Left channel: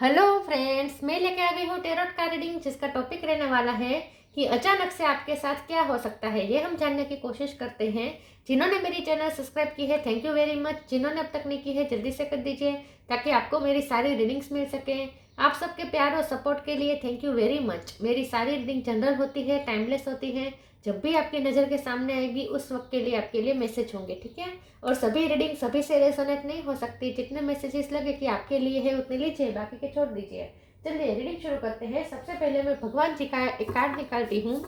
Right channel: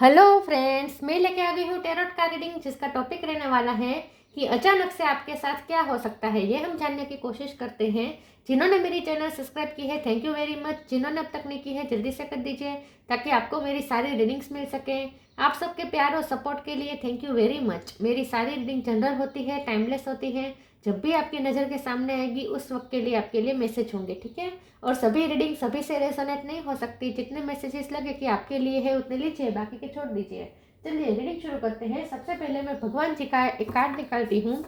Hello friends, मैं लेके आ गई हूँ टेरोट का रीडिंग, जिसका टॉपिक रहने वाला है कि अचानक से आपके साथ क्या हो सकता है। ये हम जानने की कोशिश करते हैं। जिन्होंने मेरी चैनल सब्सक्राइब की है, थैंक यू वेरी मच। जिन्होंने अब तक नहीं की है, जल्दी से कर दीजिए ताकि आपको मेरी सारी रीडिंग्स मिल सकें। आप सबके प्यार और सपोर्ट के लिए थैंक यू वेरी मच। मेरी सारी रीडिंग जनरल होती है, टाइमलेस होती है। जब भी आपकी नज़र के सामने आएगी उस वक्त के लिए आपके लिए मैसेज होंगे, ठीक है। और सभी रीडिंग सभी से रेजोनेट नहीं हो सकती। जितने मैसेजेस लगे कि आपके लिए है उतने लीजिए, बाकी के छोड़ दीजिए। चलिए रीडिंग शुरू करते हैं। सबसे पहले मैं भगवान जी का एक कार्ड निकालती हूँ,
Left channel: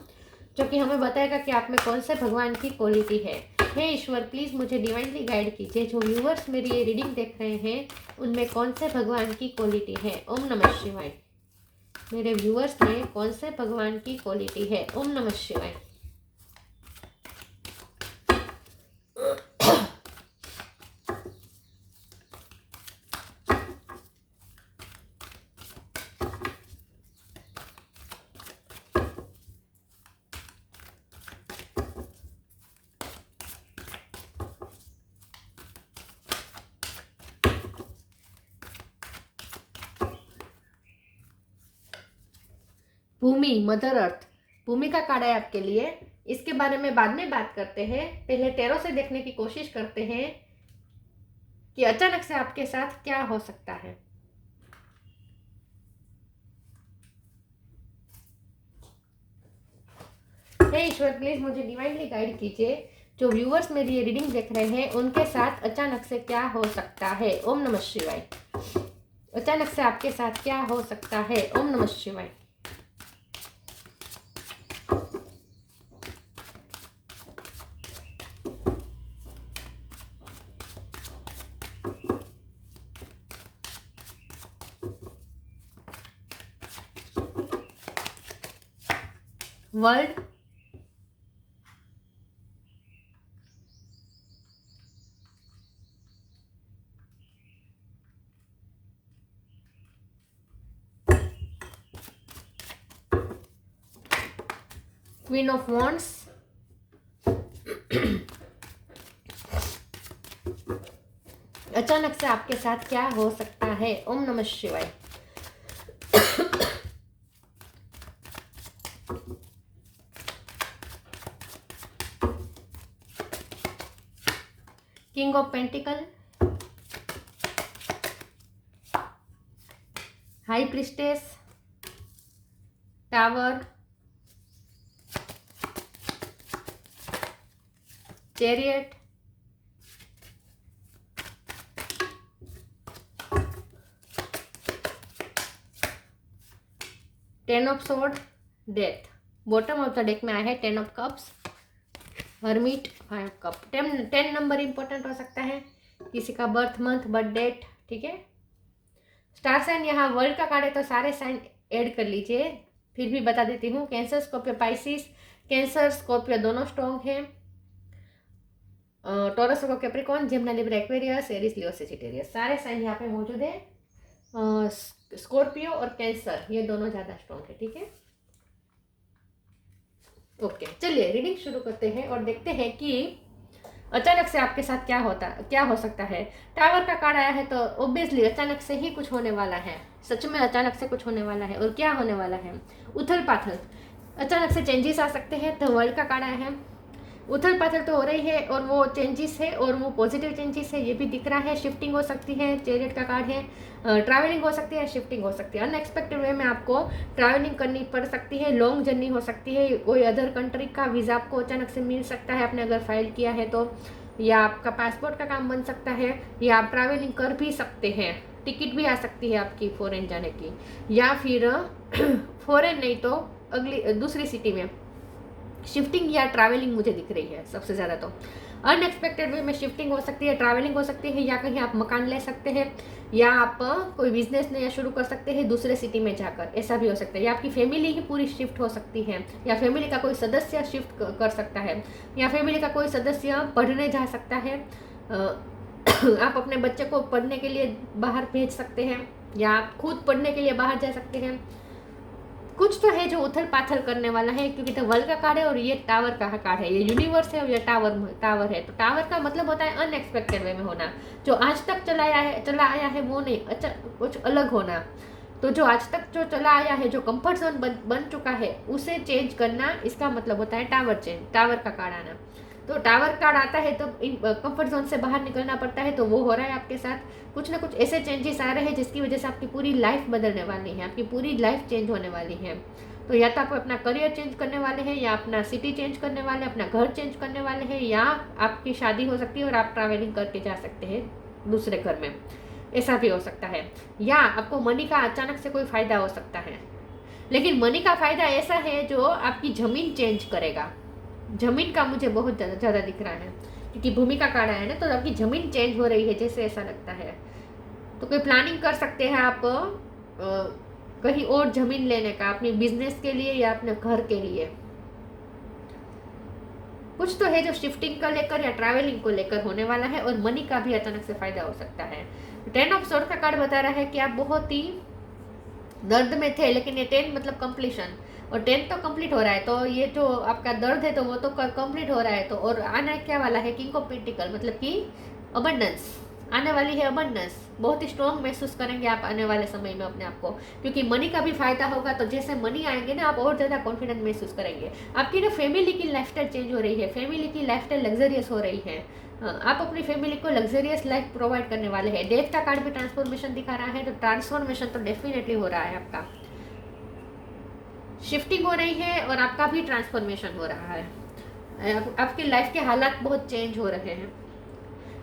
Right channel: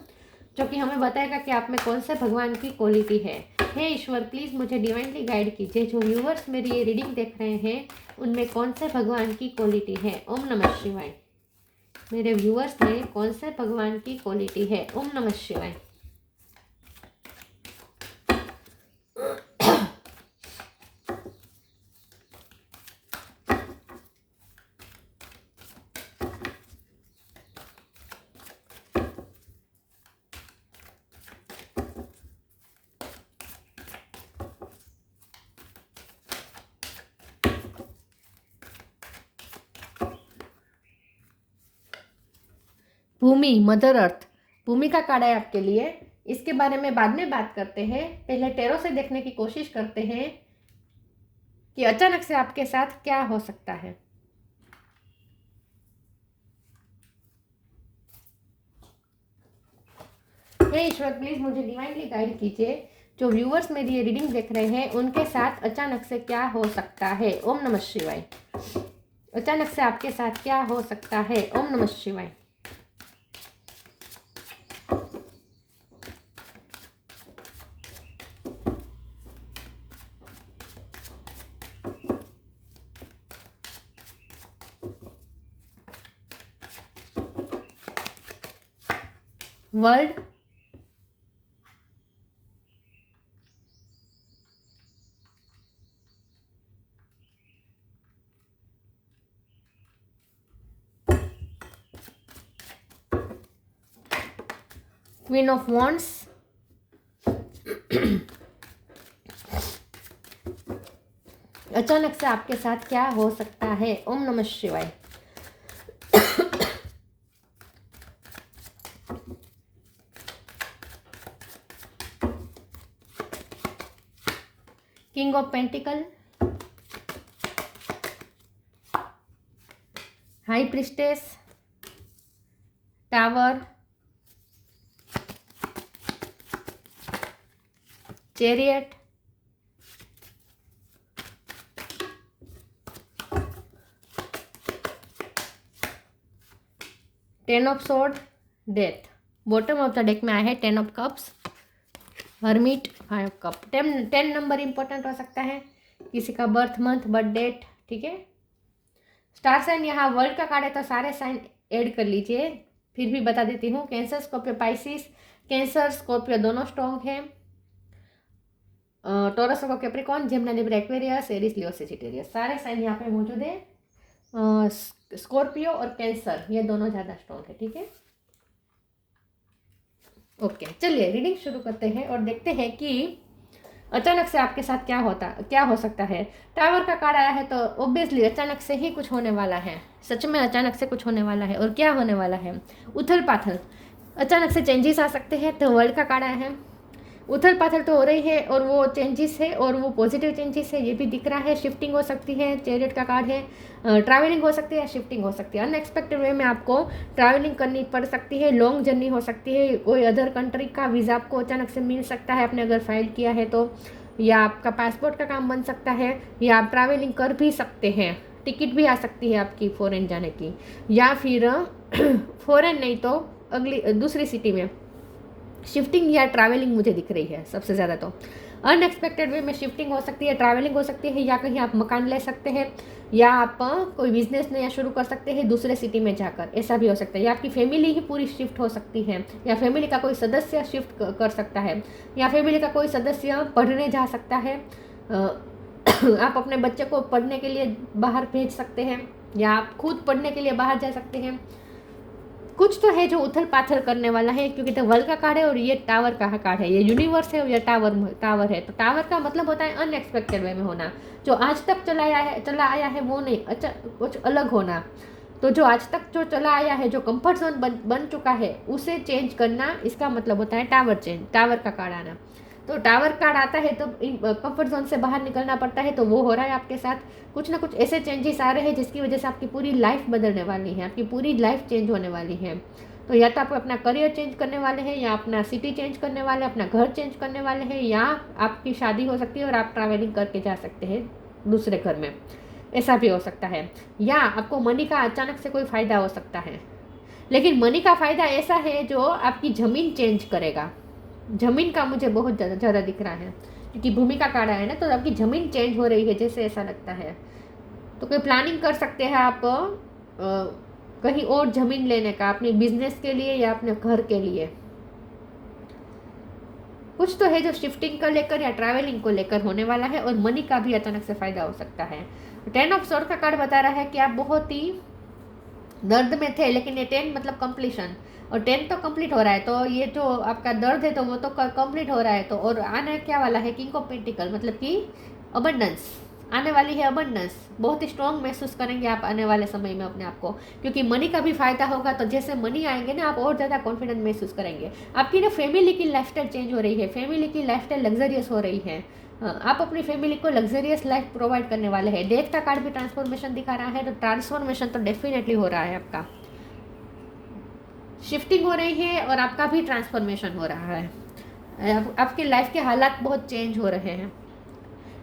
जो कि हमें बताएगा कि आप में कौन से भगवान की क्वालिटी है। हे ईश्वर, प्लीज़ मुझे डिवाइनली गाइड कीजिए। जो व्यूअर्स मेरी ये रीडिंग देख रहे हैं उनमें कौन से भगवान की क्वालिटी है। ओम नमः शिवाय। मेरे व्यूअर्स में कौन से भगवान की क्वालिटी है। ओम नमः शिवाय। भूमि, मदर अर्थ, भूमि का कार्ड है आपके लिए। इसके बारे में बाद में बात करते हैं। पहले टेरो से देखने की कोशिश करते हैं कि अचानक से आपके साथ क्या हो सकता है। हे ईश्वर, प्लीज मुझे डिवाइनली गाइड कीजिए। जो व्यूअर्स मेरी ये रीडिंग देख रहे हैं उनके साथ अचानक से क्या हो सकता है। ओम नमः शिवाय। अचानक से आपके साथ क्या हो सकता है। ओम नमः शिवाय। वर्ल्ड, क्वीन ऑफ वॉन्ड्स, अचानक से आपके साथ क्या हो सकता है। ओम नमः शिवाय। King of pentacle, high priestess, tower, chariot, ten of sword, death. Bottom of the deck में आया है ten of cups, hermit, five cup. Ten number important हो सकता है, किसी का बर्थ मंथ, बर्थ डेट, ठीक है। स्टार साइन, यहाँ वर्ल्ड का कार्ड है तो सारे साइन ऐड कर लीजिए। फिर भी बता देती हूँ, Cancer, Scorpio, Pisces. Cancer Scorpio दोनों स्ट्रॉन्ग है। टॉरस और Capricorn, Gemini, Libra, Aquarius, Aries, Leo, Sagittarius, सारे साइन यहाँ पे मौजूद है। स्कॉर्पियो और कैंसर ये दोनों ज़्यादा स्ट्रॉन्ग है, ठीक है। ओके, चलिए रीडिंग शुरू करते हैं और देखते हैं कि अचानक से आपके साथ क्या हो सकता है। टावर का कार्ड आया है तो ऑब्वियसली अचानक से ही कुछ होने वाला है। सच में अचानक से कुछ होने वाला है। और क्या होने वाला है। उथल पाथल, अचानक से चेंजेस आ सकते हैं। तो वर्ल्ड का कार्ड आया है। उथल पाथल तो हो रही है और वो चेंजेस है और वो पॉजिटिव चेंजेस है, ये भी दिख रहा है। शिफ्टिंग हो सकती है, चैरियट का कार्ड है। ट्रैवलिंग हो सकती है, शिफ्टिंग हो सकती है। अनएक्सपेक्टेड वे में आपको ट्रैवलिंग करनी पड़ सकती है, लॉन्ग जर्नी हो सकती है। कोई अदर कंट्री का वीज़ा आपको अचानक से मिल सकता है, आपने अगर फाइल किया है तो। या आपका पासपोर्ट का काम बन सकता है, या आप ट्रैवलिंग कर भी सकते हैं। टिकट भी आ सकती है आपकी फॉरेन जाने की, या फिर फॉरेन नहीं तो अगली दूसरी सिटी में शिफ्टिंग या ट्रैवलिंग मुझे दिख रही है सबसे ज़्यादा। तो अनएक्सपेक्टेड वे में शिफ्टिंग हो सकती है, ट्रैवलिंग हो सकती है, या कहीं आप मकान ले सकते हैं, या आप कोई बिजनेस नया शुरू कर सकते हैं दूसरे सिटी में जाकर, ऐसा भी हो सकता है। या आपकी फैमिली ही पूरी शिफ्ट हो सकती है, या फैमिली का कोई सदस्य शिफ्ट कर सकता है, या फैमिली का कोई सदस्य पढ़ने जा सकता है। आप अपने बच्चे को पढ़ने के लिए बाहर भेज सकते हैं, या आप खुद पढ़ने के लिए बाहर जा सकते हैं। कुछ तो है जो उथल पाथल करने वाला है, क्योंकि तो वर्ल्ड का कार्ड है और ये टावर का कार्ड है। ये यूनिवर्स है और ये टावर है। तो टावर का मतलब होता है अनएक्सपेक्टेड वे में होना, जो आज तक चला आया है वो नहीं, अच्छा कुछ अलग होना। तो जो आज तक जो चला आया है, जो कंफर्ट जोन बन चुका है, उसे चेंज करना, इसका मतलब होता है टावर चेंज, टावर का कार्ड आना। तो टावर कार्ड आता है तो इन कंफर्ट जोन से बाहर निकलना पड़ता है, तो वो हो रहा है आपके साथ। कुछ ना कुछ ऐसे चेंजेस आ रहे हैं जिसकी वजह से आपकी पूरी लाइफ बदलने वाली है, आपकी पूरी लाइफ चेंज होने वाली है। तो या तो आप अपना करियर चेंज करने वाले हैं, या अपना सिटी चेंज करने वाले हैं, अपना घर चेंज करने वाले हैं, या आपकी शादी हो सकती है और आप ट्रैवलिंग करके जा सकते हैं दूसरे घर में, ऐसा भी हो सकता है। या आपको मनी का अचानक से कोई फ़ायदा हो सकता है, लेकिन मनी का फ़ायदा ऐसा है जो आपकी ज़मीन चेंज करेगा। ज़मीन का मुझे बहुत ज़्यादा दिख रहा है, क्योंकि भूमि का कार्ड है ना, तो आपकी ज़मीन चेंज हो रही है जैसे ऐसा लगता है। तो कोई प्लानिंग कर सकते हैं आप कहीं और ज़मीन लेने का, अपने बिजनेस के लिए या अपने घर के लिए। कुछ तो है जो शिफ्टिंग को लेकर या ट्रैवलिंग को लेकर होने वाला है, और मनी का भी अचानक से फ़ायदा हो सकता है। 10 ऑफ स्वॉर्ड का कार्ड बता रहा है कि आप बहुत ही दर्द में थे, लेकिन ये 10 मतलब कंप्लीशन, और 10 तो कंप्लीट हो रहा है, तो ये जो आपका दर्द है तो वो तो कंप्लीट हो रहा है। तो और आने क्या वाला है, किंग ऑफ पेंटिकल, मतलब कि अबंडेंस आने वाली है। अबंडेंस बहुत ही स्ट्रॉन्ग महसूस करेंगे आप आने वाले समय में अपने आप को, क्योंकि मनी का भी फायदा होगा। तो जैसे मनी आएंगे ना, आप और ज़्यादा कॉन्फिडेंट महसूस करेंगे। आपकी ना फैमिली की लाइफस्टाइल चेंज हो रही है, फैमिली की लाइफस्टाइल लग्जरियस हो रही है। आप अपनी फैमिली को लग्जरियस लाइफ प्रोवाइड करने वाले हैं। डेथ का कार्ड भी ट्रांसफॉर्मेशन दिखा रहा है, तो ट्रांसफॉर्मेशन तो डेफिनेटली हो रहा है। आपका शिफ्टिंग हो रही है और आपका भी ट्रांसफॉर्मेशन हो रहा है। आपके लाइफ के हालात बहुत चेंज हो रहे हैं।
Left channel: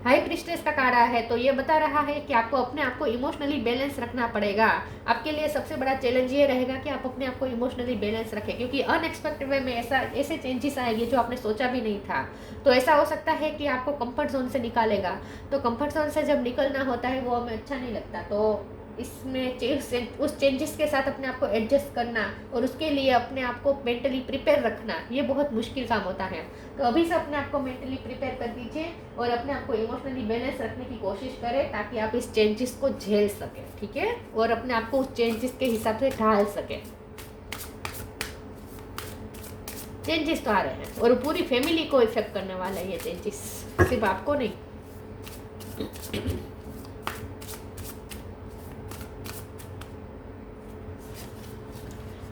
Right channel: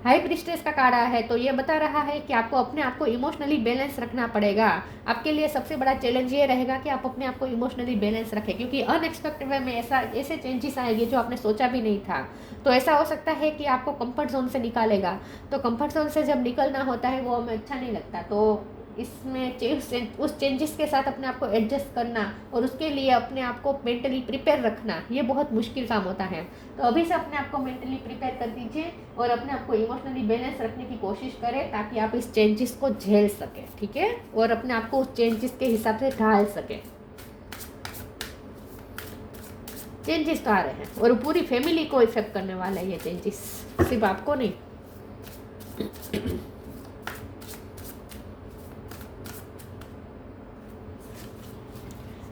हाई प्रीस्टेस का कार्ड आया है, तो ये बता रहा है कि आपको अपने आप को इमोशनली बैलेंस रखना पड़ेगा। आपके लिए सबसे बड़ा चैलेंज ये रहेगा कि आप अपने आप को इमोशनली बैलेंस रखें, क्योंकि अनएक्सपेक्टेड वे में ऐसे चेंजेस आएंगे जो आपने सोचा भी नहीं था। तो ऐसा हो सकता है कि आपको कंफर्ट जोन से निकालेगा। तो कंफर्ट जोन से जब निकलना होता है वो हमें अच्छा नहीं लगता। तो इसमें उस चेंजेस के साथ अपने आप को एडजस्ट करना और उसके लिए अपने आप को मेंटली प्रिपेयर रखना, ये बहुत मुश्किल काम होता है। तो अभी से अपने आप को मेंटली प्रिपेयर कर दीजिए और अपने आप को इमोशनली बैलेंस रखने की कोशिश करें, ताकि आप इस चेंजेस को झेल सकें, ठीक है, और अपने आप को उस चेंजेस के हिसाब से ढाल सकें। चेंजेस तो आ रहे हैं और पूरी फैमिली को इफेक्ट करने वाला है ये चेंजेस, सिर्फ आपको नहीं।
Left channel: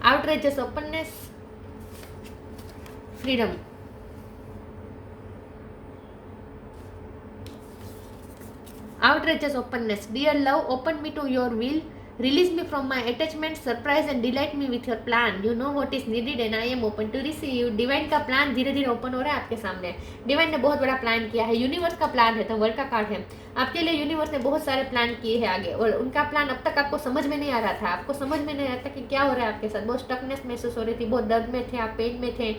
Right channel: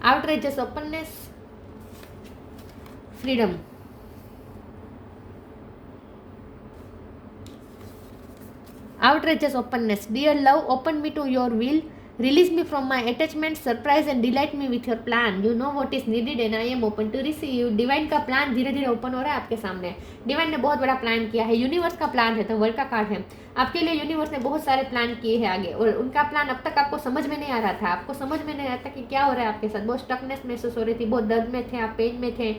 outrageous openness, freedom, outrageous openness. Dear love, open me to your will, release me from my attachment, surprise and delight me with your plan. You know what is needed and I am open to receive. Divine का plan धीरे धीरे open हो रहा है आपके सामने। Divine ने बहुत बड़ा प्लान किया है, यूनिवर्स का प्लान है, तो वर्ल्ड का कार्ड है। आपके लिए यूनिवर्स ने बहुत सारे प्लान किए हैं आगे, और उनका प्लान अब तक आपको समझ में नहीं आ रहा था। आपको समझ में नहीं आ रहा था कि क्या हो रहा है आपके साथ। बहुत स्टकनेस महसूस हो रही थी, बहुत दर्द में थे आप, पेन में थे,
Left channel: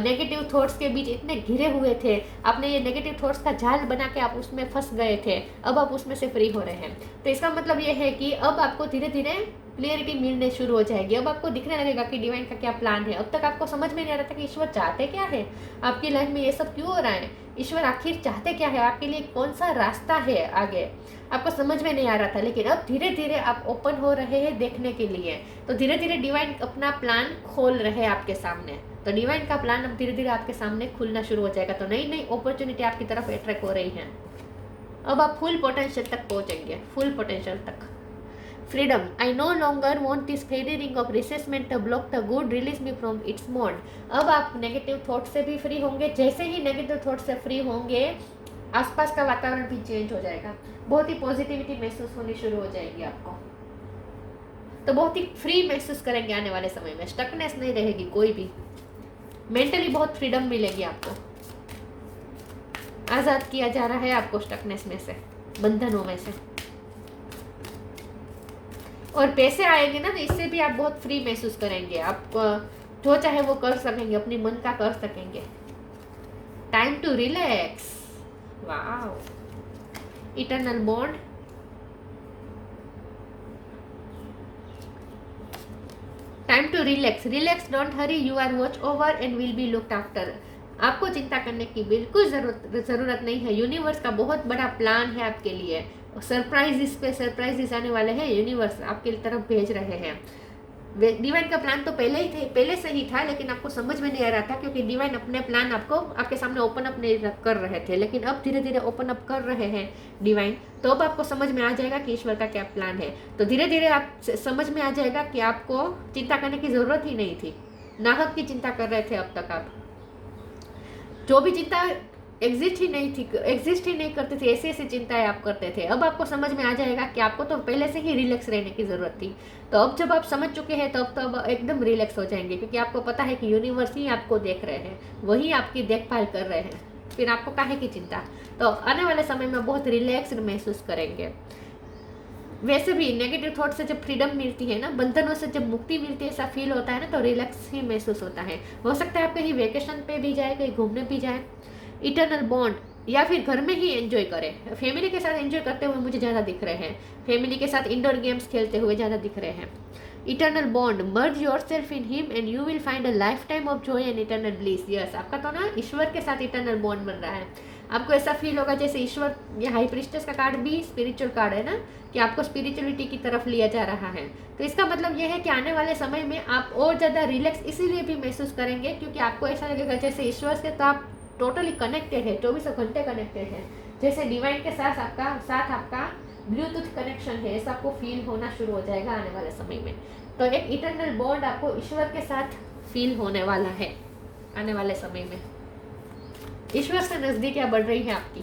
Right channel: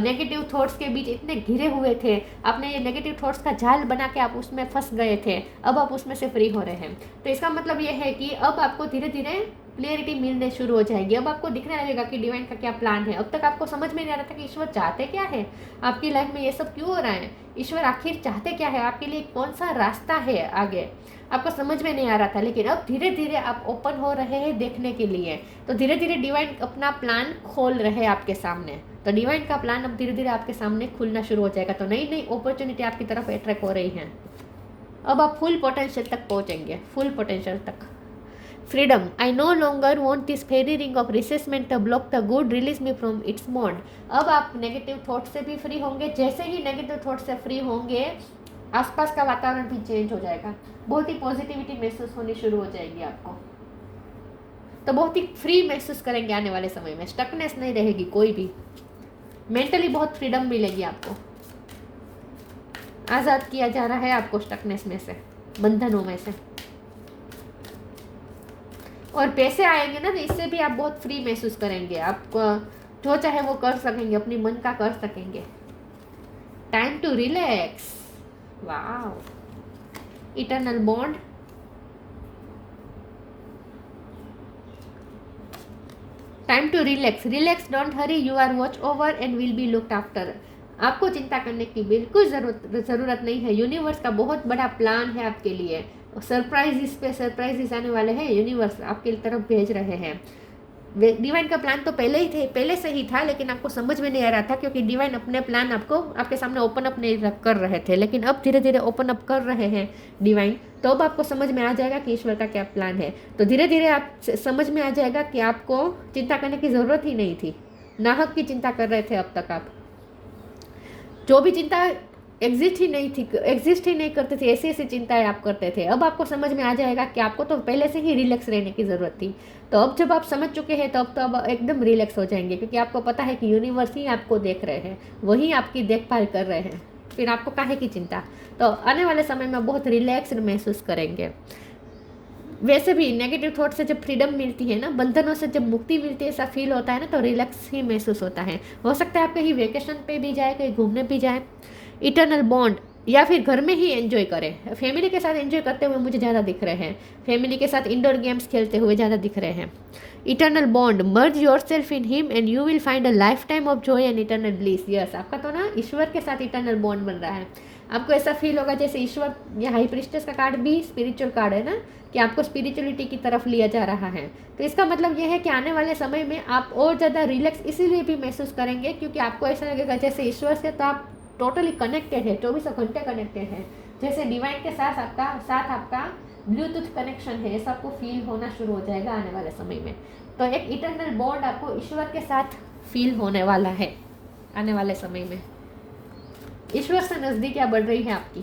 नेगेटिव थॉट्स के बीच इतने घिरे हुए थे। आपने ये नेगेटिव थॉट्स का जाल बना के आप उसमें फंस गए थे, अब आप उसमें से फ्री हो रहे हैं। तो इसका मतलब ये है कि अब आपको धीरे धीरे क्लियरिटी मिलने शुरू हो जाएगी। अब आपको दिखने लगेगा कि डिवाइन का क्या प्लान है। अब तक आपको समझ में नहीं आ रहा था कि ईश्वर चाहते क्या है आपकी लाइफ में, ये सब क्यों हो रहा है, ईश्वर आखिर चाहते क्या है आपके लिए, कौन सा रास्ता है आगे, आपको समझ में नहीं आ रहा था। लेकिन अब धीरे धीरे आप ओपन हो रहे हैं देखने के लिए। तो धीरे धीरे डिवाइन अपना प्लान खोल रहे हैं आपके सामने। तो डिवाइन का प्लान अब धीरे धीरे आपके सामने खुलना शुरू हो जाएगा। तो नई नई अपॉर्चुनिटी आपकी तरफ अट्रैक्ट हो रही हैं। अब आप फुल पोटेंशियल तक पहुंचेंगे, फुल पोटेंशियल तक। Freedom, I no longer want this fairy ring of resentment the block the good, release me from its mode. अब आप नेगेटिव थॉट से भी फ्री होंगे। जैसे ही नेगेटिव थॉट से फ्री होंगे, आसपास का वातावरण भी चेंज हो जाएगा, बहुत ही पॉजिटिविटी महसूस होनी शुरू हो जाएगी आपको। तो बहुत ही फ्री महसूस करेंगे आने वाले समय में, स्टकनेस नहीं रहेगी कोई भी, मेंटली बहुत फ्रीडम मिलेगी आपको। आज़ाद किया जा रहा है आपको स्टकनेस में से, बंधनों में से। और पैसे आएंगे ना, तो इससे भी आप बहुत फ्री महसूस करेंगे। आप जो चाहे वो कर सकेंगे, अपनी मन का कर सकेंगे। Time to relax, wow, eternal bond, time to relax, relax, don't hurry, you are watch over and will be looked after. आपको चिंता करने की बिल्कुल ज़रूरत नहीं है। यूनिवर्स का बहुत बड़ा प्लान है आपके लिए। सरप्राइजेस पे सरप्राइजेस आने वाले हैं, यूनिवर्स आपके तरफ भेज रहे हैं। डिवाइन का प्लान तो पहले से ही था, लेकिन आपको समझ में नहीं आ रहा था क्योंकि डिवाइन अपने प्लान आपको आपके सामने ओपन अप नहीं कर रहे थे। लेकिन अब धीरे धीरे ओपन अप कर रहे हैं डिवाइन, तो अब आपको समझ में आ जाएगा कि ईश्वर का क्या प्लान है। तो धीरे धीरे आप समझ में आ जाएगा कि आपको चिंता करने की ज़रूरत ही नहीं थी, नाहक की चिंता कर रहे थे अब तक आप। जो भी चिंता एग्जिस्ट ही नहीं करती थी, ऐसी ऐसी चिंताएं आप करते थे, अब आपको समझ में आ जाएगा कि आपको तो पहले से ही रिलैक्स रहने की ज़रूरत थी। तो अब जब आप समझ चुके हैं तो अब एकदम रिलैक्स हो जाएंगे, क्योंकि आपको पता है कि यूनिवर्स ही आपको देख रहे हैं, वही आपकी देखभाल कर रहे हैं, फिर आपको काहे की चिंता। तो आने वाले समय में बहुत रिलैक्स्ड महसूस करेंगे। वैसे भी नेगेटिव थॉट से जब फ्रीडम मिलती है ना, बंधनों से जब मुक्ति मिलती है, ऐसा फील होता है ना, तो रिलैक्स ही महसूस होता है। हो सकता है आप कहीं वेकेशन पे भी जाए, कहीं घूमने भी जाए, इटर्नल बॉन्ड, या फिर घर में ही एंजॉय करें। फैमिली के साथ एंजॉय करते हुए मुझे ज़्यादा दिख रहे हैं, फैमिली के साथ इंडोर गेम्स खेलते हुए ज़्यादा दिख रहे हैं। Eternal bond, merge your self in him and you will find a life time of Joy and eternal bliss. Yes, आपका तो ना ईश्वर के साथ इटर्नल बॉन्ड बन रहा है। आपको ऐसा फील होगा जैसे ईश्वर, या हाई प्रिस्टेस का कार्ड भी स्पिरिचुअल कार्ड है ना, कि आपको स्पिरिचुअलिटी की तरफ लिया जा रहा है। तो इसका मतलब ये है कि आने वाले समय में आप और ज़्यादा रिलैक्स इसीलिए भी महसूस करेंगे क्योंकि आपको ऐसा लगेगा जैसे ईश्वर से तो आप टोटली कनेक्टेड है, 24 घंटे कनेक्टेड है, जैसे डिवाइन के साथ आपका ब्लूटूथ कनेक्शन है, ऐसा आपको फील होना शुरू हो जाएगा आने वाले समय में। तो एक इटर्नल बॉन्ड आपको ईश्वर के साथ फील होने वाला है आने वाले समय में। ईश्वर से नजदीकियां बढ़ रही है आपकी।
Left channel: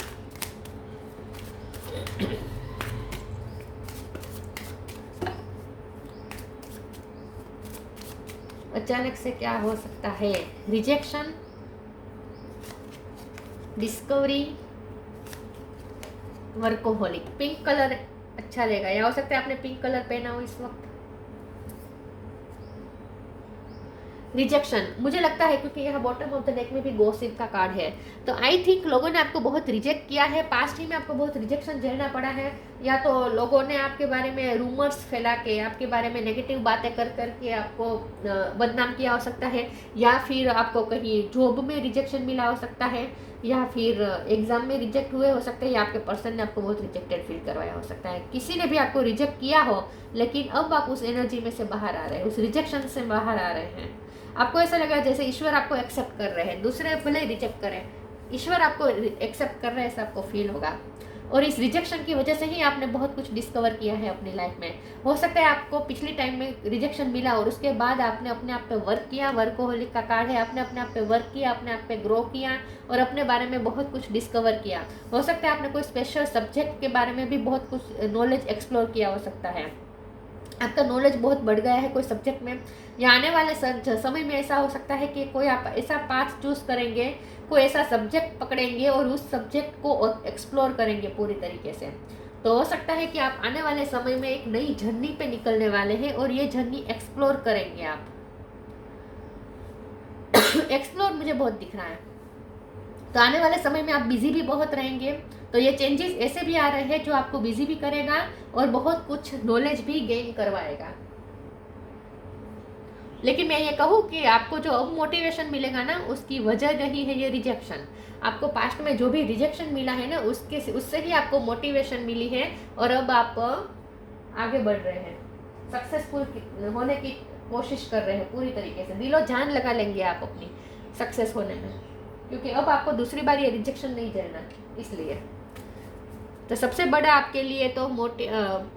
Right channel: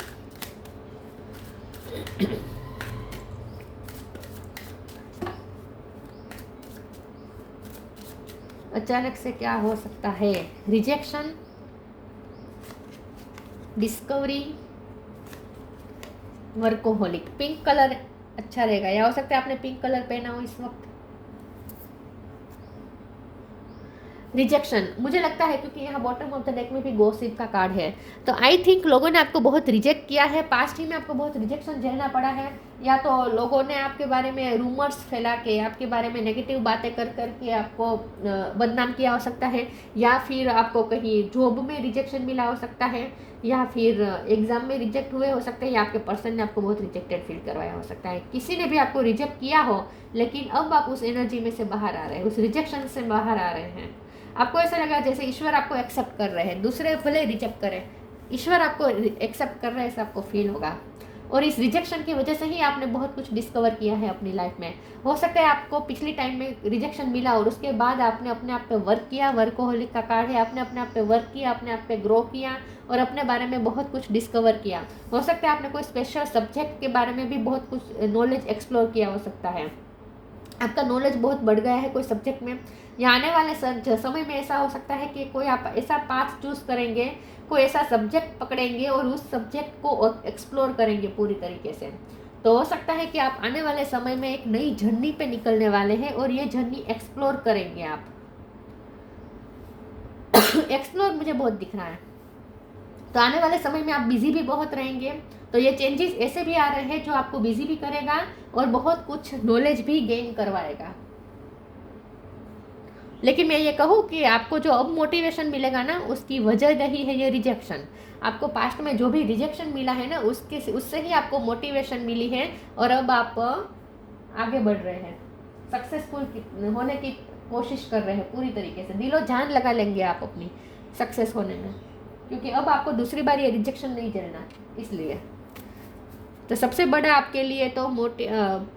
अचानक से क्या हो सकता है? Rejection, discovery, workaholic. Pink colour अच्छा रहेगा, या हो सकता है आपने पिंक कलर पहना हो इस वक्त। रिजेक्शन, मुझे लगता है क्योंकि यहाँ बॉटम ऑफ द डेक में भी गॉसिप का कार्ड है, तो आई थिंक लोगों ने आपको बहुत रिजेक्ट किया है, पास्ट ही में आपको बहुत रिजेक्शन झेलना पड़ा है, या तो लोगों ने आपके बारे में रूमर्स फैला के, आपके बारे में नेगेटिव बातें कर करके आपको बदनाम किया हो सकता है, या फिर आपको कहीं जॉब में रिजेक्शन मिला हो सकता है, या फिर एग्जाम में रिजेक्ट हुए हो सकते हैं, या आपके पर्सन ने आपको बहुत रिजेक्टेड फील करवाया हो सकता है। किसी ने भी आपको रिजेक्ट किया हो, लेकिन अब आप उस एनर्जी में से बाहर आ रहे हैं, उस रिजेक्शन से बाहर आ रहे हैं। आपको ऐसा लगा जैसे ईश्वर आपको एक्सेप्ट कर रहे हैं, दूसरे भले रिजेक्ट करें, ईश्वर आपको एक्सेप्ट कर रहे हैं, ऐसा आपको फील होगा। और इस रिजेक्शन की वजह से ही आपने बहुत कुछ डिस्कवर किया है अपनी लाइफ में। हो सकता है आपको पिछली टाइम में रिजेक्शन मिला और उसके बाद आपने अपने आप पे वर्क किया, वर्कोहोलिक का कार्ड है, आपने अपने आप पे वर्क किया, अपने आप पे ग्रो किया और अपने बारे में बहुत कुछ डिस्कवर किया। हो सकता है आपने कोई स्पेशल सब्जेक्ट के बारे में भी बहुत कुछ नॉलेज एक्सप्लोर किया हो सकता है, आपका नॉलेज बहुत बढ़ गया है कोई सब्जेक्ट में, या आने वाले समय में ऐसा हो सकता है कि कोई आप ऐसा पाथ चूज करेंगे, कोई ऐसा सब्जेक्ट पकड़ेंगे और उस सब्जेक्ट को एक्सप्लोर करेंगे पूरी तरीके से। तो हो सकता है कि आप आने वाले समय में एक नई जर्नी पे निकलने वाले हैं और ये जर्नी एक्सप्लोर करेंगे आप। एक्सप्लोर मुझे बहुत दिख रहा है। तो आने वाले समय में आप बिजी भी बहुत रहेंगे, तो ये चेंजेस ऐसे भी आ रहे हैं जो आपको बिजी भी करेगा और बहुत कुछ नॉलेज भी गेन करवाएगा। लेकिन मैं ये कहूँ कि आपको जो अब मोटिवेशन मिलेगा ना, उसकी वजह नहीं है ये रिजेक्शन। आपको पास्ट में जो भी रिजेक्शन मिला है ना, उससे ही आपको मोटिवेशन मिली है और अब आप आगे बढ़ रहे हैं, सक्सेसफुल होने की कोशिश कर रहे हैं पूरी तरीके से, दिलो जान लगा लेंगे आप अपनी सक्सेस होने में, क्योंकि अब आपको दूसरी बार ये रिजेक्शन नहीं झेलना। इसलिए तो सबसे बड़ा आपके लिए तो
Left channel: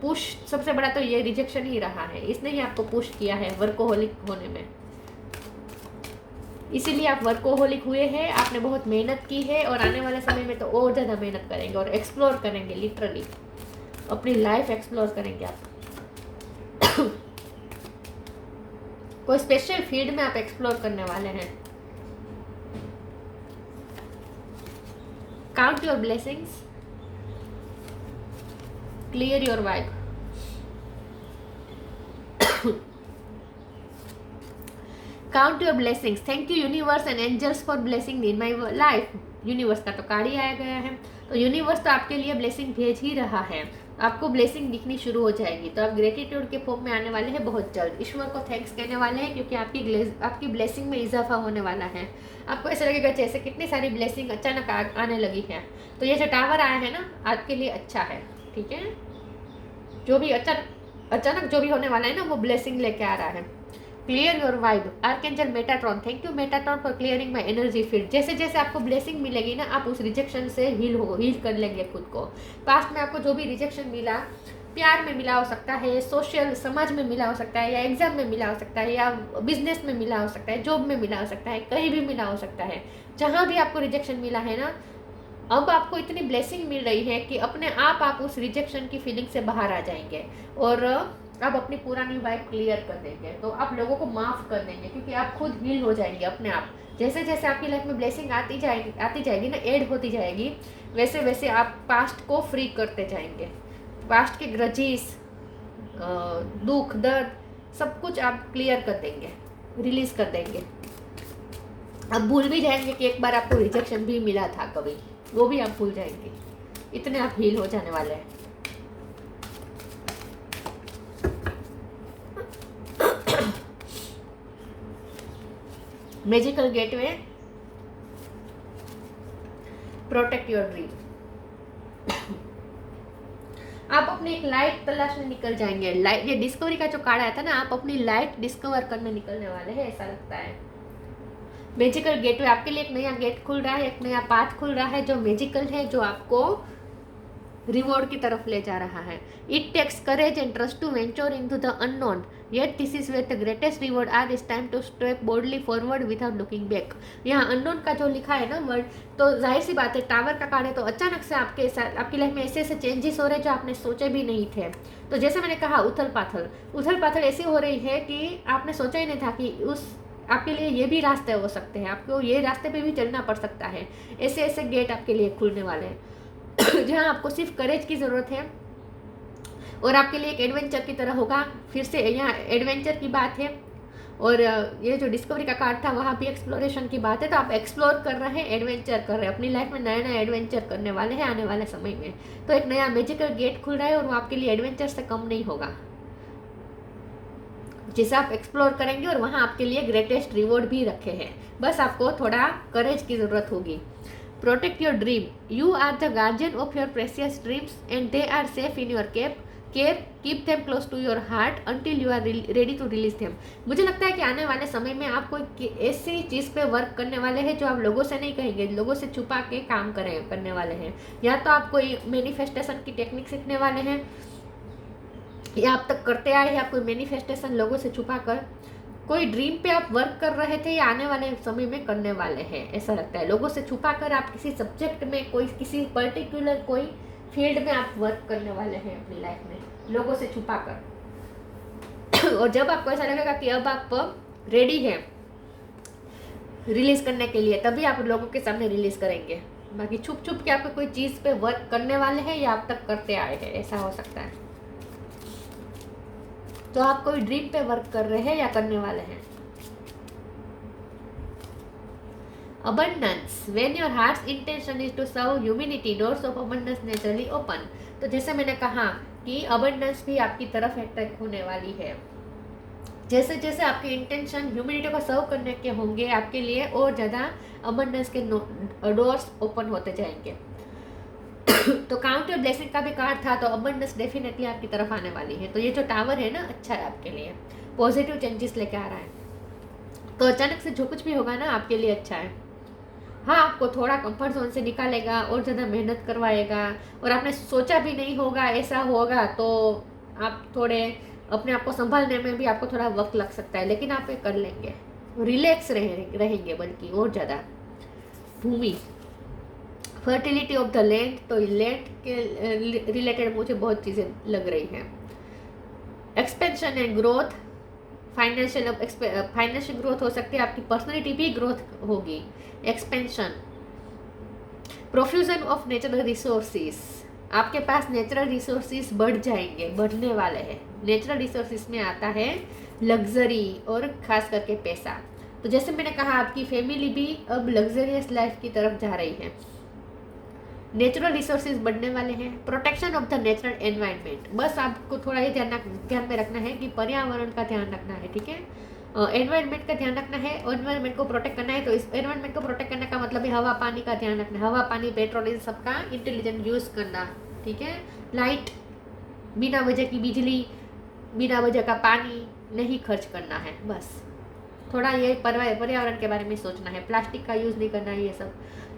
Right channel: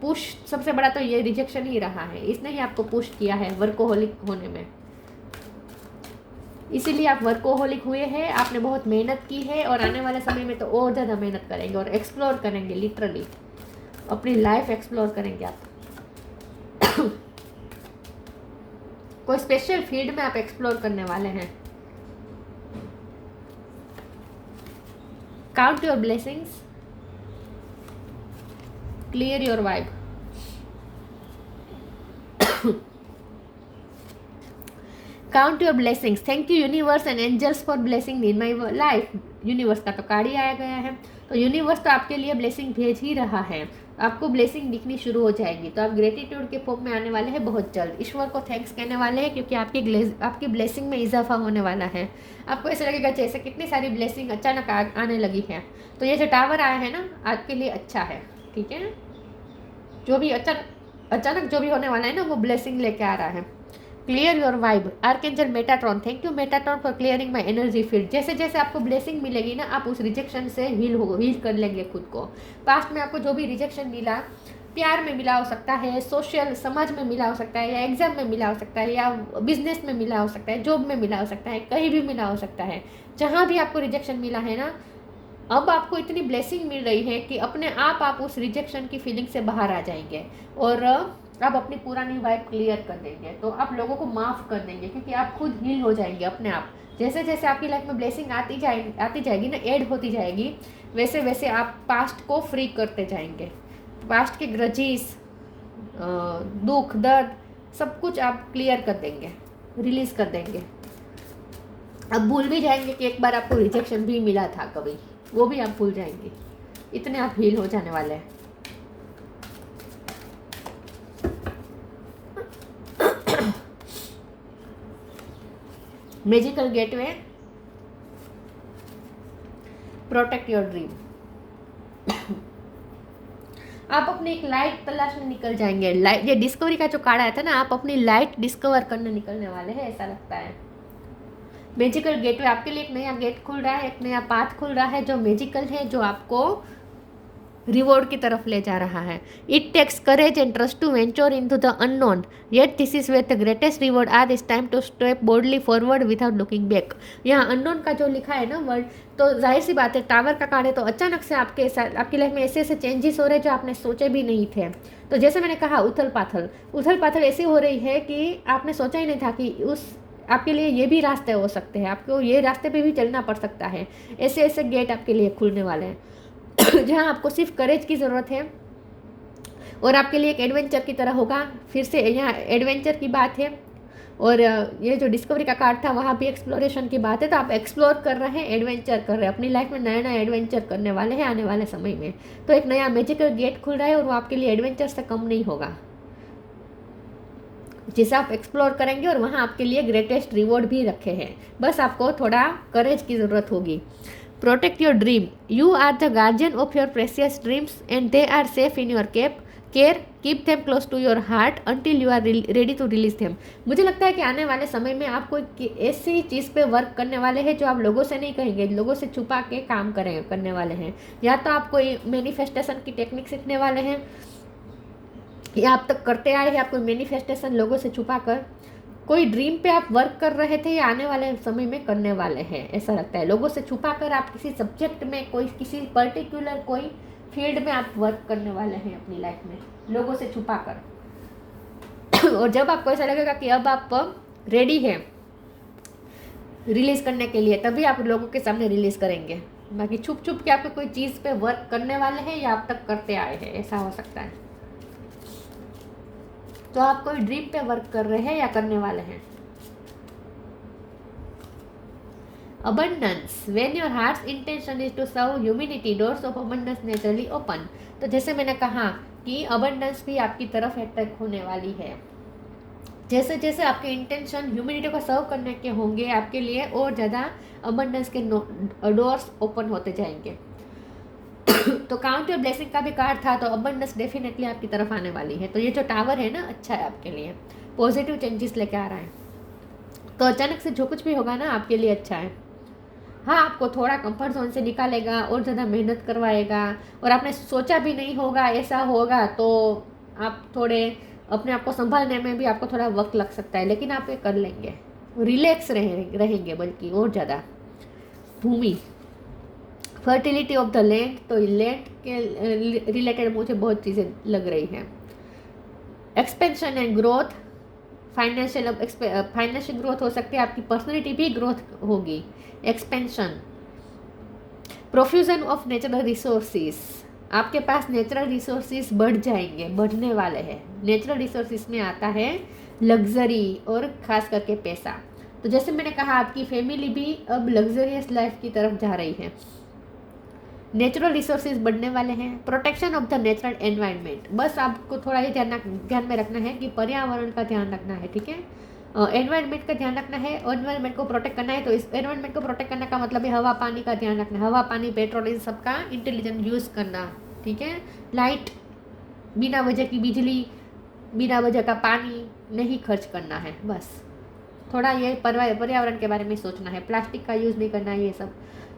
पुश, सबसे बड़ा तो ये रिजेक्शन ही रहा है, इसने ही आपको पुश किया है वर्कोहोलिक होने में। इसीलिए आप वर्कोहोलिक हुए हैं, आपने बहुत मेहनत की है और आने वाले समय में तो और ज़्यादा मेहनत करेंगे और एक्सप्लोर करेंगे, लिटरली अपनी लाइफ एक्सप्लोर करेंगे आप। कोई स्पेशल फील्ड में आप एक्सप्लोर करने वाले हैं। Count your blessings, clear your vibe. Count your blessings. Thank you universe and angels for blessing in my life. Universe का तो कार्ड ही आया गया है, तो यूनिवर्स तो आपके लिए ब्लेसिंग भेज ही रहा है, आपको ब्लेसिंग दिखनी शुरू हो जाएगी। तो आप ग्रेटिट्यूड के फॉर्म में आने वाले हैं बहुत जल्द, ईश्वर को थैंक्स कहने वाले हैं क्योंकि आपकी ब्लेसिंग में इजाफा होने वाला है। आपको ऐसा लगेगा जैसे कितनी सारी ब्लेसिंग अचानक आने लगी है। तो ये जो टावर आया है ना, आपके लिए अच्छा है, ठीक है। जो भी अचानक जो भी होने वाला है ना, वो ब्लेसिंग लेके आ रहा है। Clear your vibe. Archangel Metatron, thank you Metatron for clearing my energy field. जैसे जैसे आपको ब्लेसिंग मिलेगी ना, आप उस रिजेक्शन से हील कर लेंगे खुद को। पास्ट में आपको जो भी रिजेक्शन मिला, प्यार में मिला हो सकता है, सोशल समाज में मिला हो सकता है, या एग्जाम में मिला हो सकता है, या बिजनेस में मिला हो सकता है, जॉब में मिला हो सकता है, कहीं भी मिला हो सकता है, जहाँ भी आपको रिजेक्शन मिला है ना, अब आपको इतनी ब्लेसिंग मिल रही है कि अपने आप उस रिजेक्शन की फीलिंग से बाहर आ जाएंगे और आप अपनी पुरानी वाइब क्लियर कर देंगे। तो आप लोगों को माफ़ कर देंगे, क्योंकि आप खुद हील हो जाएंगे अपने आप। जैसे जैसे आपकी लाइफ में ब्लेसिंग आती जाएगी ना, ऐड होती जाएगी, वैसे वैसे आप पास्ट को फ्री करते जाएंगे। पास्ट के ग्रजेस, दुख दर्द सब कुछ आप क्लियर कर देंगे, रिलीज कर देंगे। अब भूल भी जाएंगे कि एक बार आपको रिजेक्शन भी मिला था कभी, वो भी आप भूल जाएंगे। इतने आप हील हो जाने वाले हैं। Magical gateway, protect your dream. आप अपनी एक लाइट तलाशने निकल जाएंगे। लाइट, ये डिस्कवरी का जो कार्ड आया था ना, आप अपनी लाइट डिस्कवर करने निकलने वाले हैं, ऐसा लगता है। मैजिकल गेटवे, आपके लिए एक नया गेट खुल रहा है, एक नया पाथ खुल रहा है जो मैजिकल है, जो आपको रिवॉर्ड की तरफ ले जा रहा है। It takes courage and trust to venture into the unknown, yet this is where the greatest reward are is time to step boldly forward without looking back. यहाँ अननोन का जो लिखा है ना वर्ड, तो जाहिर सी बात है टावर का कार्ड है, तो अचानक से आपकी लाइफ में ऐसे ऐसे चेंजेस हो रहे हैं जो आपने सोचे भी नहीं थे। तो जैसे मैंने कहा, उथल पाथल ऐसी हो रही है कि आपने सोचा ही नहीं था कि आपके लिए ये भी रास्ते हो सकते हैं, आपको ये रास्ते पे भी चलना पड़ सकता है। ऐसे ऐसे गेट आपके लिए खुलने वाले हैं जहाँ आपको सिर्फ करेज की ज़रूरत है और आपके लिए एक एडवेंचर की तरह होगा। फिर से यहाँ एडवेंचर की बात है, और ये जो डिस्कवरी का कार्ड था वहाँ भी एक्सप्लोरेशन की बात है। तो आप एक्सप्लोर कर रहे हैं, एडवेंचर कर रहे हैं, अपनी लाइफ में नया नया एडवेंचर करने वाले हैं आने वाले समय में। तो एक नया मैजिकल गेट खुल रहा है और वो आपके लिए एडवेंचर से कम नहीं होगा। जिसे आप एक्सप्लोर करेंगे और वहाँ आपके लिए ग्रेटेस्ट रिवॉर्ड भी रखे हैं, बस आपको थोड़ा करेज की ज़रूरत होगी। Protect your dream, you are the guardian of your precious dreams and they are safe in your care, keep them close to your heart until you are ready to release them. मुझे लगता है कि आने वाले समय में आप कोई ऐसी चीज़ पे वर्क करने वाले हैं जो आप लोगों से नहीं कहेंगे, लोगों से छुपा के काम करने वाले हैं। या तो आप कोई मैनिफेस्टेशन की टेक्निक सीखने वाले हैं, या आप तक करते आए हैं आप कोई मैनिफेस्टेशन लोगों से छुपा कर। कोई ड्रीम पे आप वर्क कर रहे थे या आने वाले समय में करने वाले हैं, ऐसा लगता है। लोगों से छुपा कर आप किसी सब्जेक्ट में, कोई किसी पर्टिकुलर कोई फील्ड में आप वर्क करने वाले हैं अपनी लाइफ में, लोगों से छुपा कर और जब आपको ऐसा लगेगा कि अब आप रेडी हैं रिलीज करने के लिए, तभी आप लोगों के सामने रिलीज करेंगे। बाकी छुप छुप के आपके कोई चीज़ पे वर्क करने वाले हैं या आप तक करते आए हैं, ऐसा हो सकता है। तो आप कोई ड्रीम पे वर्क कर रहे हैं या करने वाले हैं। Abundance, when your heart's intention is to serve humanity, doors of abundance naturally open. तो जैसे मैंने कहा कि अबंडेंस भी आपकी तरफ अट्रैक्ट होने वाली है। जैसे जैसे आपके इंटेंशन ह्यूमैनिटी को सर्व करने के होंगे, आपके लिए और ज़्यादा अबंडेंस के डोर्स ओपन होते जाएंगे। तो काउंट योर ब्लेसिंग का भी कार्ड था, तो अबंडेंस डेफिनेटली आपकी तरफ आने वाली है। तो ये जो टावर है ना, अच्छा है आपके लिए, पॉजिटिव चेंजेस लेके आ रहा है। तो अचानक से जो कुछ भी होगा ना आपके लिए अच्छा है। हाँ, आपको थोड़ा कंफर्ट जोन से निकालेगा और ज़्यादा मेहनत करवाएगा, और आपने सोचा भी नहीं होगा ऐसा होगा, तो आप थोड़े अपने आप को संभालने में भी आपको थोड़ा वक्त लग सकता है, लेकिन आप ये कर लेंगे। रिलैक्स रहेंगे बल्कि और ज़्यादा। भूमि, फर्टिलिटी ऑफ द लैंड, तो लैंड के रिलेटेड मुझे बहुत चीज़ें लग रही हैं। Expansion and growth, financial growth हो सकती है, आपकी पर्सनैलिटी भी ग्रोथ होगी। Expansion, profusion of natural resources, आपके पास नेचुरल रिसोर्सेज बढ़ जाएंगे, बढ़ने वाले हैं। नेचुरल रिसोर्सेज में आता है लग्जरी और ख़ास करके पैसा। तो जैसे मैंने कहा, आपकी फैमिली भी अब लग्जरियस लाइफ की तरफ जा रही है। नेचुरल रिसोर्सेज बढ़ने वाले हैं। Protection of the natural environment, बस आपको थोड़ा ये ध्यान में रखना है कि पर्यावरण का ध्यान रखना है, ठीक है। एनवायरनमेंट का ध्यान रखना है, एनवायरनमेंट को प्रोटेक्ट करना है। तो इस एनवायरनमेंट को प्रोटेक्ट करने का मतलब है हवा पानी का ध्यान रखना, हवा पानी पेट्रोल इन सबका इंटेलिजेंट यूज़ करना, ठीक है। लाइट, बिना वजह की बिजली, बिना वजह का पानी नहीं खर्च करना है, बस। थोड़ा ये पर्यावरण के बारे में सोचना है, प्लास्टिक का यूज़ नहीं करना है, ये सब।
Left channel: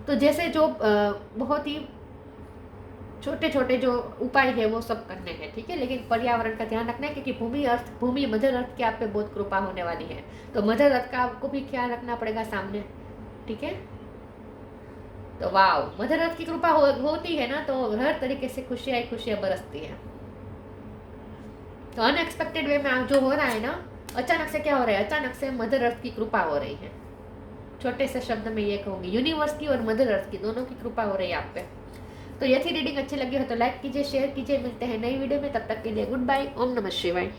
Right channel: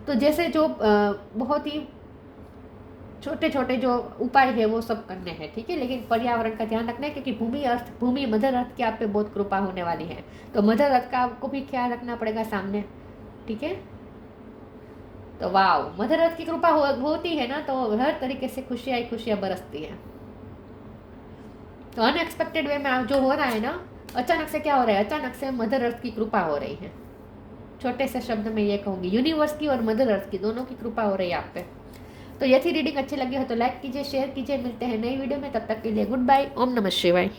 तो जैसे जो बहुत ही छोटे छोटे जो उपाय है वो सब करने हैं, ठीक है। लेकिन पर्यावरण का ध्यान रखना है, क्योंकि भूमि मदर अर्थ की आप पे बहुत कृपा होने वाली है, तो मदर अर्थ का आपको भी ख्याल रखना पड़ेगा सामने, ठीक है। तो वाह, मदर अर्थ की कृपा होती है ना, तो हर तरीके से खुशियाँ ही खुशियाँ बरसती हैं। तो अनएक्सपेक्टेड वे में जो हो रहा है ना, अचानक से क्या हो रहा है, अचानक से मदर अर्थ की कृपा हो रही है। छोटे से शब्द में ये कहूँगी, यूनिवर्स की और मदर अर्थ की दोनों की कृपा हो रही है आप पे। तो ये थी रीडिंग, अच्छी लगी हो तो लाइक कीजिए, शेयर कीजिए। मिलते हैं नई वीडियो में, तब तक के लिए गुड बाय। ओम नमः शिवाय।